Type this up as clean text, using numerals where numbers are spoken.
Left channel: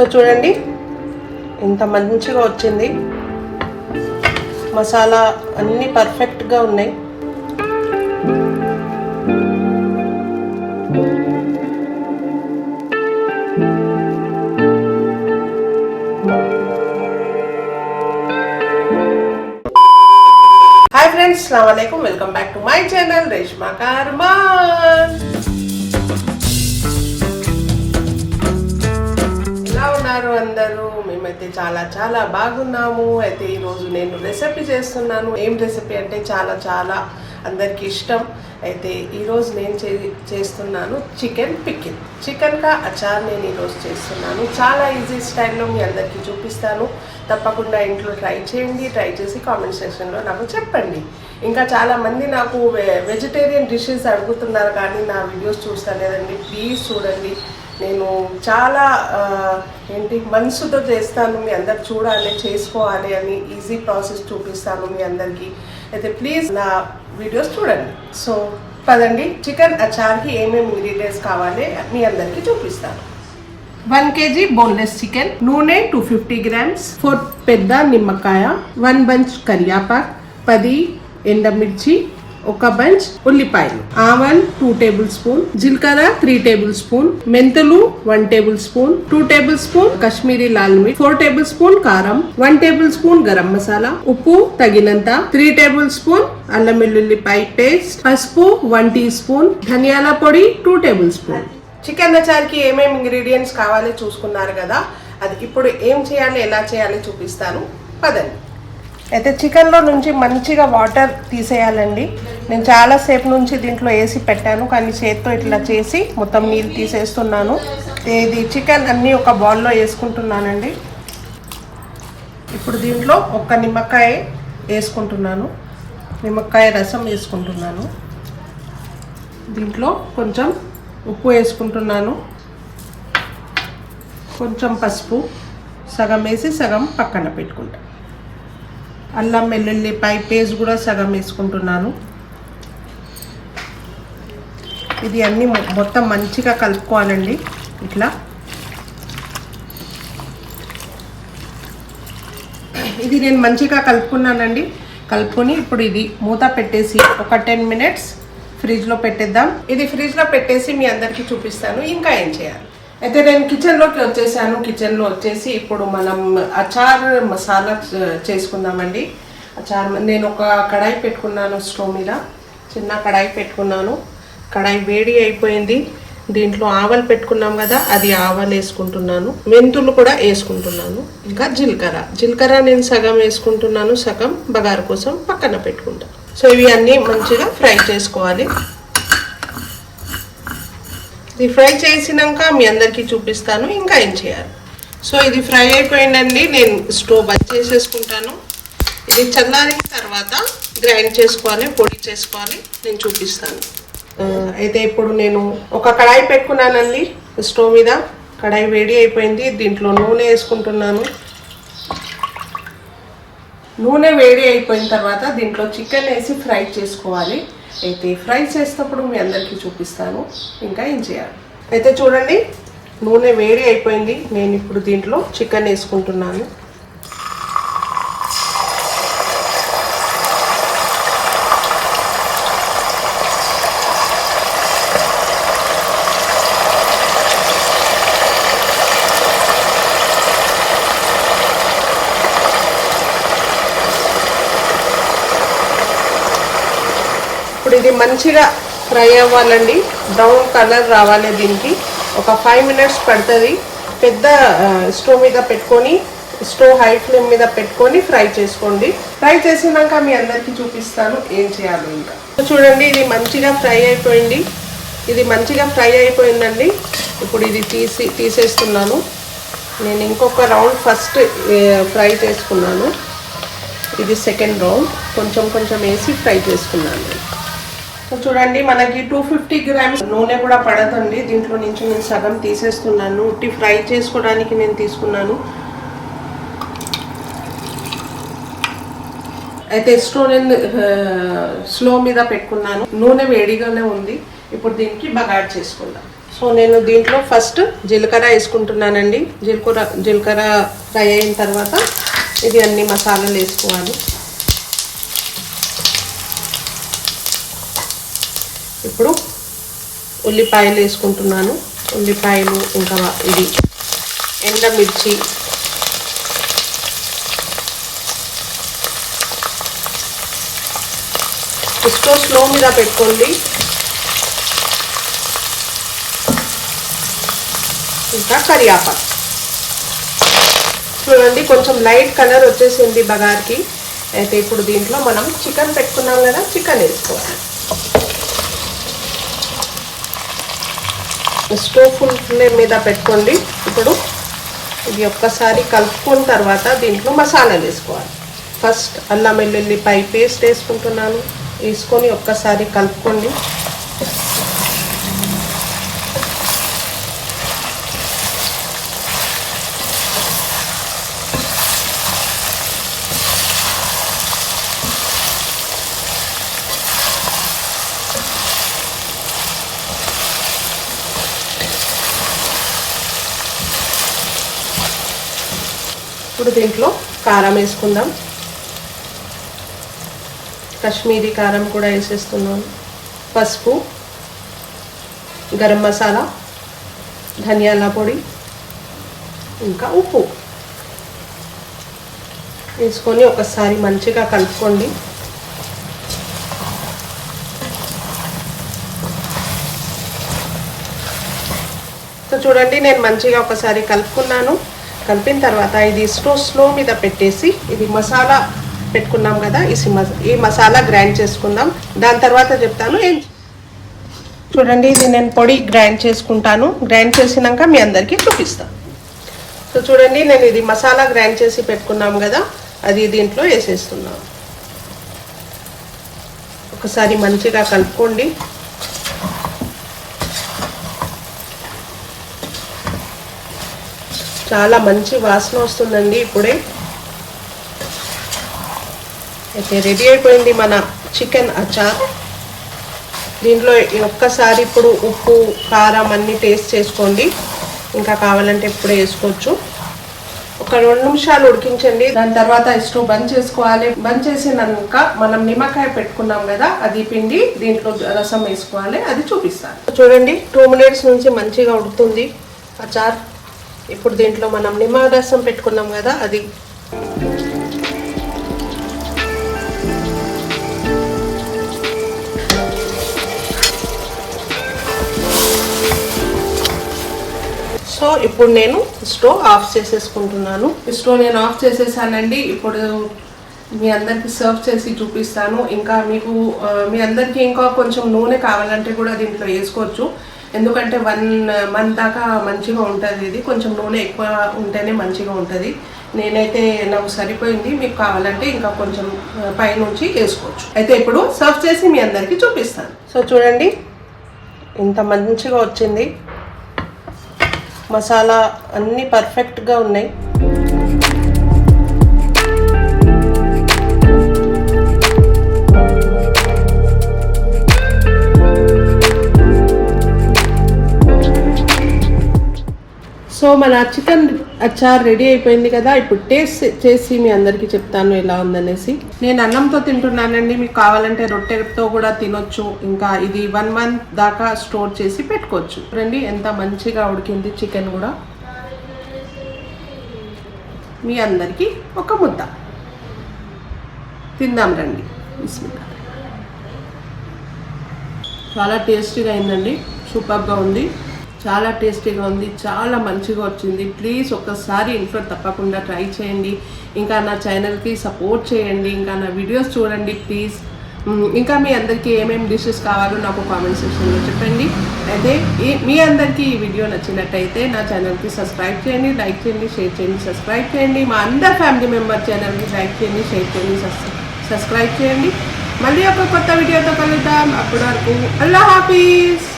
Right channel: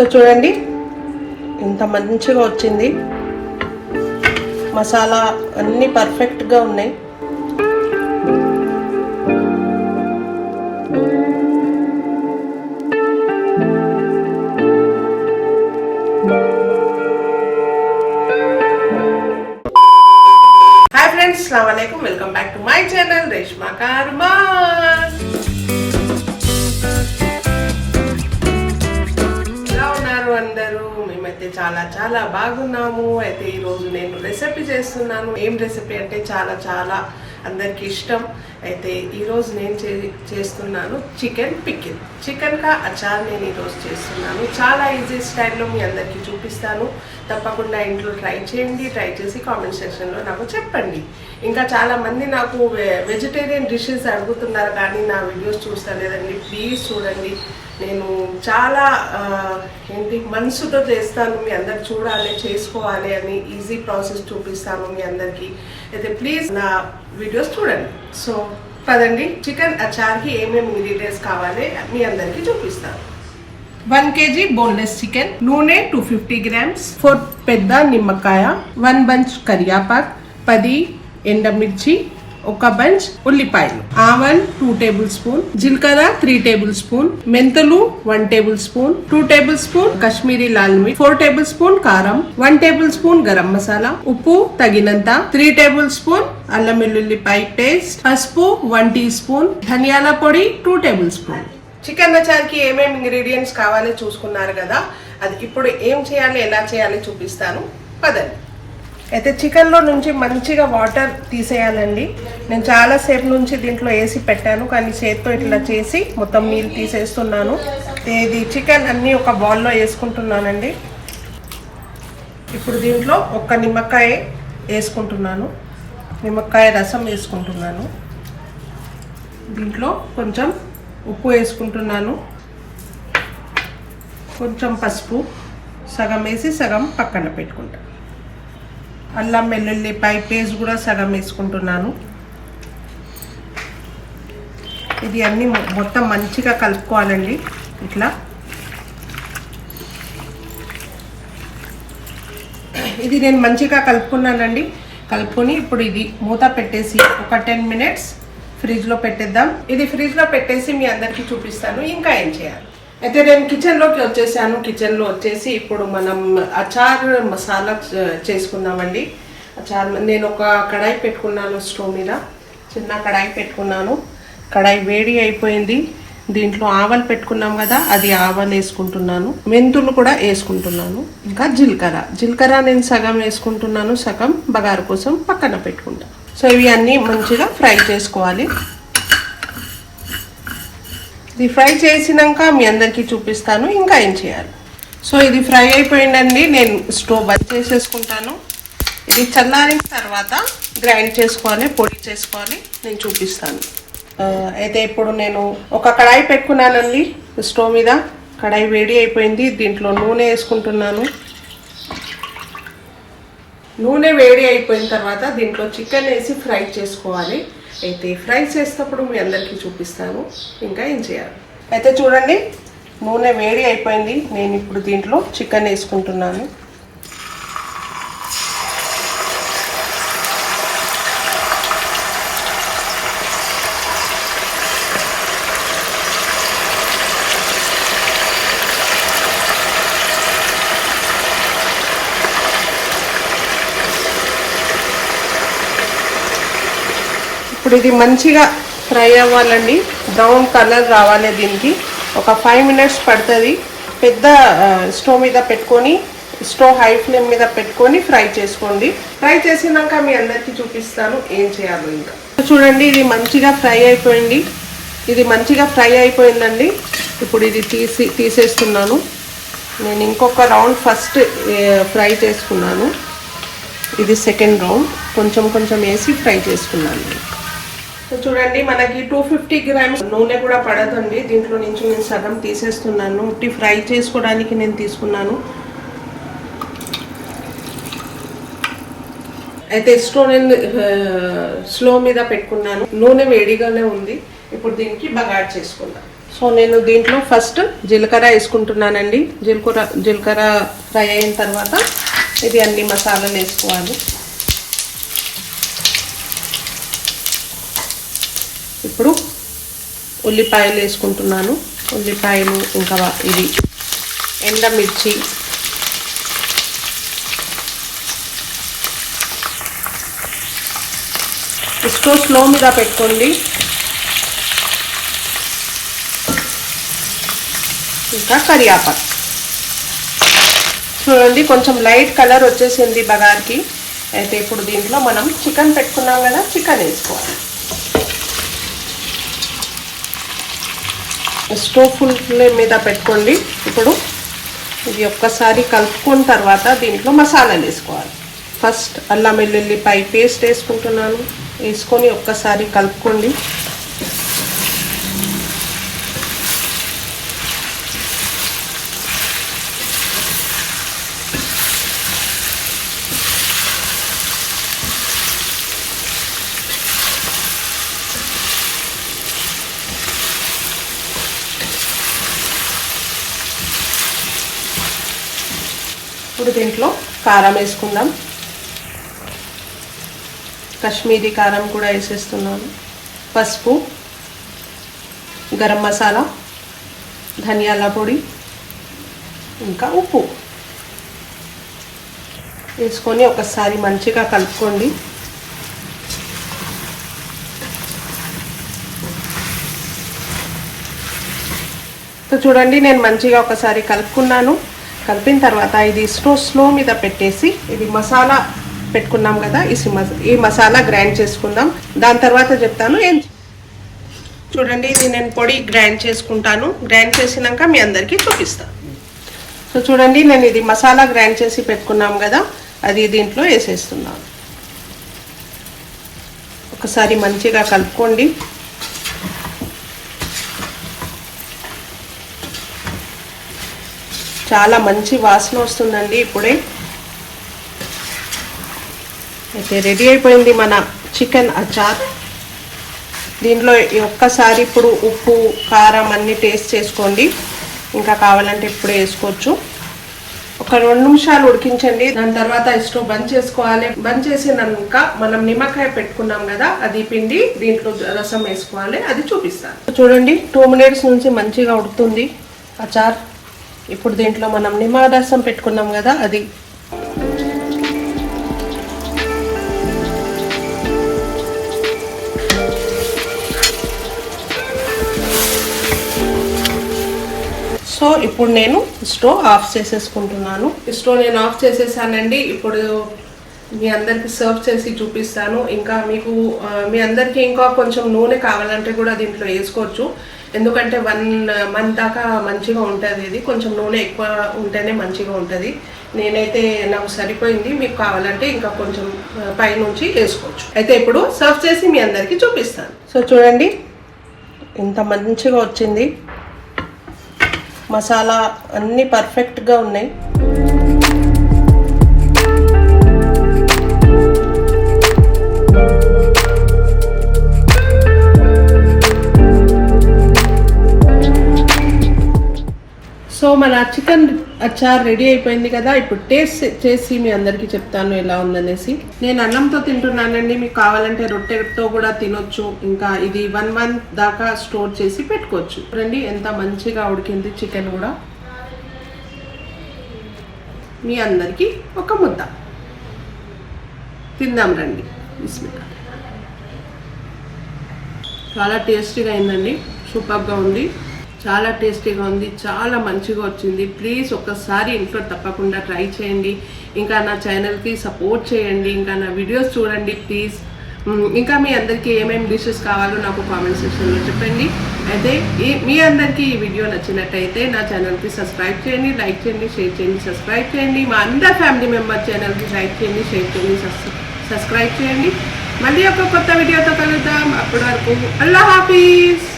So చూడండి ఇంత మంచిగా వచ్చింది. మసాలా అన్నీ పర్ఫెక్ట్గా ఉన్నాయి. హాయ్ ఫ్రెండ్స్, అస్సలాము అలైకుం. Welcome back to my channel Reshma Karman. ఎలా ఉన్నారు అందరూ? మేమైతే చాలా చాలా బాగున్నాము. అయితే ఈరోజు నేను రెసిపీ చేస్తున్నాను. ఏం రెసిపీ అంటే చాలా చాలా అందరికి ఇష్టం. అయితే ఈరోజు నేను చేస్తున్నాను చికెన్ పికిల్, చికెన్ కా అచార్ నేను ఈరోజు చేస్తున్నాను. చాలా ఈజీ స్టైల్లో మీ అందరికీ చూపిస్తాను. తప్పకుండా ఇంట్లో ట్రై చేయండి. ట్రై చేసి కామెంట్ సెక్షన్లో నాకు చెప్పండి. ఇంకా చాలామంది నాకు వెజిటేరియన్ డిషెస్ అడుగుతున్నారు కానీ నా వీడియోస్ చూస్తలేదండి. ప్లీజ్ చూడండి. నేను చాలా మనసుతో చేస్తాను. మీ అందరు చూడాలి, చేసుకోవాలి అని ఈజీ ప్రాసెస్ చూపిస్తాను మీ అందరికీ. అయితే ప్లీజ్ నా వీడియోస్ చూడండి. సో పదండి, చికెన్ అచార్కి ఏమేమి ఇంగ్రీడియంట్స్ కావాలి మీ అందరికీ చూపిస్తాను. 1 kg బోన్లెస్ చికెన్, నూనె 250 grams, 4 పెద్ద నిమ్మకాయ, 1 బంచ్ కరియాపాక్, 10 ఎండమిర్చి, 1 బంచ్ ఉల్లిపాయలు, ఆవన్ 2 టేబుల్ స్పూన్, జీలకర్ర 3 టేబుల్ స్పూన్, మెంతులు 1 table spoon, 2 table spoon Kashmiri Lal మిర్చి, 4 టేబుల్ స్పూన్ కారం, 1 టేబుల్ స్పూన్ గరం మసాలా, ఉప్పు తగినంత, 3 టేబుల్ స్పూన్ అల్లం వెల్లుల్లిపాయ పేస్ట్, పసుపు 1 టీ స్పూన్, ధనియాల పొడి 2 టేబుల్ స్పూన్. చికెన్ అచార్కి ఏమేమి ఇంగ్రీడియంట్స్ కావాలో చూసుకున్నారు కదా. అది ఇప్పుడు ఏం చేయాలి, ఎలా చేయాలి చూపిస్తాను. పదండి. అయితే చికెన్లో నుంచి మంచిగా వాటర్ తీసేయాలండి. నేను చాలాసేపు నుంచి దీంట్లో వేసి పెట్టాను కానీ చేత్తో ఇట్లా చేసి మొత్తం నీళ్ళు తీసేస్తున్నాను. ఇది చికెన్ అన్నీ ఒక బౌల్లో వేసుకుంటున్నానండి. ఇప్పుడు దీంట్లో 1 నిమ్మకాయ వేసుకుంటున్నాను. నిమ్మకాయ రసం వేసుకుంటున్నాను. దీంట్లో కొంచెం ఉప్పు వేసుకుంటున్నాను. కొంచెం పసుపు సగం వేసి సగం పక్కన పెట్టుకుంటాను. అల్లం వెల్లుల్లిపాయ పేస్ట్ కూడా సగం వేసుకుంటున్నాను. ఇది అన్నీ మొత్తం మంచిగా కలుపుకోవాలండి. ఇట్లా ఇది నేను మంచిగా కలుపుకున్నానండి. కలుపుకొని ఇప్పుడు ఇది మూత పెట్టేసి ఒక 10 minutes ఫ్రిడ్జ్లో పెట్టేద్దాం. ఇది ఫ్రిడ్జ్లో పెట్టేసి మీ అందరికీ చూపిస్తాను ఇంకా ఏం చేయాలి. అయితే నేను కిచెన్లోకి వచ్చేసాను. కిచెన్లో వచ్చేసి ఇప్పుడు మనం అచార్ మసాలా చేసుకుందామండి. అచార్ నేను ఒక కడాయి పెట్టుకున్నాను. స్టవ్ మీద చిన్న కడాయి పెట్టుకున్నాను. కడాయి వేడి అయిపోయింది. దీంట్లో ఆవలు పెట్టుకున్నాం కదా, అది ఆవలు వేసుకుంటున్నాను. మెంతులు కూడా వేసుకుంటున్నాను. ఇంకా జీలకర్ర నేను సగం వేసుకుంటున్నాను, సగం బగారు కోసం పక్కన పెట్టుకుంటాను. సో ఇవి అన్నీ మంచిగా ఫ్రై చేసుకోవాలి. ఇది ఫ్రై చేసినాక మీ అందరికీ చూపిస్తాను ఇంకా ఏం చేయాలి. సో ఇది ఫ్రై అయిపోయిందండి. నేను స్టవ్ బంద్ చేసేసుకుంటాను. ఇది చల్లారిన తర్వాత గ్రైండ్ చేసుకోవాలి, పొడి చేసుకోవాలి, నేను చూపిస్తాను. అయితే ఇప్పుడు నేను ఒక కడాయి పెట్టుకున్నానండి స్టవ్ మీద. కడాయి వేడి అయిపోయింది. దీంట్లో నూనె వేసుకుంటున్నాను. నూనె వేడి అయిపోయిన తర్వాత దీంట్లో చికెన్ వేసి ఫ్రై చేసుకోవాలి. అయితే ఫ్రై చేసేటప్పుడు మీ అందరికీ చూపిస్తాను ఇంకా ఏం చేయాలి. అయితే చూడండి, నూనె వేడి అయిపోయింది. నేను ఇప్పుడు దీంట్లో చికెన్ వేసుకుంటున్నాను. ఇప్పుడు ఇది మంచిగా ఫ్రై అవ్వాలండి. బ్రౌన్ కలర్ రావాలి. దీనికి ఒక 5 minutes పడుతుంది. పెద్ద స్టవ్ మీద పెట్టుకొని, స్టవ్ హై ఫ్లేమ్ మీద పెట్టుకొని ఫ్రై చేసుకోండి. ఫ్రై చేసినాక మీ అందరికీ చూపిస్తాను ఏం చేయాలో. ఇంకా చూడండి, ఇది మంచిగా ఫ్రై అయిపోయింది. ఇది మంచిగా ఫ్రై అయిపోయిందండి. ఇప్పుడు ఇది తీసేస్తున్నాను. నేను ఇంకొక రౌండ్ ఫస్ట్ ఫ్రై చేసుకున్నాను. ఇది సెకండ్ రౌండ్ కొంచెం కొంచెం వేసి ఫ్రై చేసుకున్నాను. చూడండి, మనకి 250 grams నూనె కూడా పడదండి. దీంట్లో నుంచి నేను సగం తీసేస్తున్నాను. ఉట్టి ఫ్రై చేసుకోవడానికి నేను తీసుకున్నాను. అయితే స్టవ్ నేను స్లో మీద పెట్టుకున్నాను. నూనె వేడిగానే ఉంది. ఇప్పుడు దీనికి బగారు చేసుకుందాం. సో నేను దీంట్లో ఫస్ట్ జీలకర్ర వేసుకుంటున్నానండి. జీలకర్ర ఫ్రై అయిన తర్వాత ఇది అన్ని మసాలాలు వేసుకోవాలి. ఇప్పుడు ఉల్లిపాయలు వేసుకుంటున్నాను. ఉల్లిపాయలు ఇంకా ఇది ఎండుమిర్చి, స్టవ్ స్లో మీద పెట్టుకోండి. ఇంకా కరివేపాకు చూడండి, కొంచెం లైట్ కలర్ వచ్చేసింది బగార్కి. అయితే ఇప్పుడు దీంట్లో మనం చికెన్ పెట్టుకున్నాం కదా, చికెన్ వేసుకోవాలి. స్టవ్ ఫుల్ ఫ్లేమ్ మీద పెట్టుకోండి. ఇప్పుడు ఇది ఒక్కసారి కలుపుకున్న తర్వాత దీంట్లో మసాలాలు వేసుకోవాలి. ఫస్ట్ అల్లం వెల్లుల్లిపాయ పేస్ట్ వేసుకుంటున్నాను. వేసుకొని ఒక్కసారి కలుపుకోండి. ఇప్పుడు దీంట్లో కారం వేసుకుందాం. కాశ్మీరీ కారం కూడా వేసేస్తున్నాను. పసుపు, గరం మసాలా, ధనియాల పొడి, ఇంకా ఉప్పు వేసుకొని ఒకసారి మంచిగా కలుపుకోండి. సో చూడండి, నేను మంచిగా ఒకసారి కలుపుకున్నాను. కలిపిన తర్వాత ఇది స్లో మీద పెట్టేసి ఇది మసాలా పెట్టుకున్నాం కదా, ఈ మసాలా గ్రైండ్ చేసుకుందాం. దాని తర్వాత చెప్తాను ఏం. చూడండి, ఇది నేను పొడి గ్రైండ్ చేసుకుంటాను. గ్రైండ్ చేసినాక మీ అందరికీ చూపిస్తాను. సో చూడండి, నేను ఇది మసాలా గ్రైండ్ చేసి పెట్టుకున్నాం కదా, అది దీంట్లో వేసేస్తున్నాను. ఒకసారి మంచిగా కలుపుకోండి. చాలా మంచి వాసన వస్తుందండి ఇప్పుడే. అయితే రెడీ అయిపోయింది మన చికెన్ అచార్. దీంట్లో ఒక్కసారి ఇప్పుడు ఉప్పు, కారం అన్ని టేస్ట్ చేసుకోండి. ఇంకా కావాలంటే ఇప్పుడే వేసుకోవచ్చు. ఒక 2 నిమిషాలు ఉడికించండి. దాని తర్వాత స్టవ్ బంద్ చేసుకోవాలి. బంద్ చేసినాక మనం నిమ్మకాయ పెట్టుకున్నాం కదా, అది పిండి దీంట్లో రసం వేసుకోవాలి. అది చూపిస్తాను. చూడండి, 2 మినిట్స్ నుంచి మంచిగా ఉడుకుతుంది అచార్. ఇప్పుడు దీంట్లో మనం నిమ్మరసం పెట్టుకున్నాం కదా, అది సో ఇప్పుడు నేను స్టవ్ ఆఫ్ చేసేసుకుంటున్నాను. స్టవ్ నేను ఆఫ్ చేసేసానండి. ఇప్పుడు మీ అందరికి సర్వ్ చేసి చూపిస్తాను. ఇంకా మీ అందరికి ఇంకా కొంచెం నూనె కావాలంటే కూడా దీంట్లో వేసుకోవచ్చు. ఎందుకంటే 1 మంత్ దాకా మంచిగా ఉంటుంది. ఇది కొంచెం నూనె ఎక్కువ ఉంటేనే మంచిగా ఉంటుంది. నేనైతే నాకు సరిపోయింది. మీకు కావాలంటే ఇంకా కొంచెం పైనుంచి వేసుకోవచ్చు. అయితే ఇప్పుడు సర్వ్ చేసి మీ అందరికి చూపిస్తాను. సో చూడండి, ఇంత మంచిగా వచ్చింది. మసాలా అన్నీ పర్ఫెక్ట్గా ఉన్నాయి. సో మన చికెన్ అచార్ రెడీ అయిపోయింది కదా. ఇప్పుడు టేస్ట్ చేసి మీ అందరికి చెప్తాను ఎలా ఉందనేసి. నేను అన్నంతో తింటున్నానండి. మీకు కావాలంటే రొట్టెతో కూడా తినొచ్చు. ఇంకా ఇది 1 మంత్ దాకా స్టోర్ చేసి పెట్టుకోవచ్చు. రండి, ఎంత మంచిగా ఉడికింది చికెన్ కూడా. మీ అందరికి ఒక ముద్ద తిందాం రండి. బిస్మిల్లాహ్. చాలా టేస్టీగా అయిందండి. సూపర్గా ఉంది. చాలా టేస్టీగా ఉంది. చాలా మంచిగా వచ్చింది. ప్లీజ్ ఒక్కసారి ఇంట్లో తప్పకుండా ట్రై చేయండి. ఇంకా నా ఛానల్కి సపోర్ట్ చేయండి. ఇంకా నా వీడియోస్ చూడండి ప్లీజ్. ఇంకా మీ అందరికీ ఏమేమి డిషెస్ కావాలో నాకు కామెంట్ సెక్షన్లో చెప్పండి. అయితే మీ అందరికీ ఈ వీడియో నచ్చినట్టయితే నా ఛానల్కి సబ్స్క్రైబ్ చేయండి, లైక్ చేయండి, షేర్ చేయండి, సబ్స్క్రైబ్ చేయండి. మా అందరి ఫ్యామిలీ మెంబర్ ఛానల్కి లైక్ చేయండి, షేర్ చేయండి, సబ్స్క్రైబ్ చేయండి. మళ్ళీ ఒక కొత్త వీడియోతో కలుద్దాం. అప్పటి వరకు అల్లాహ్ హాఫీజ్.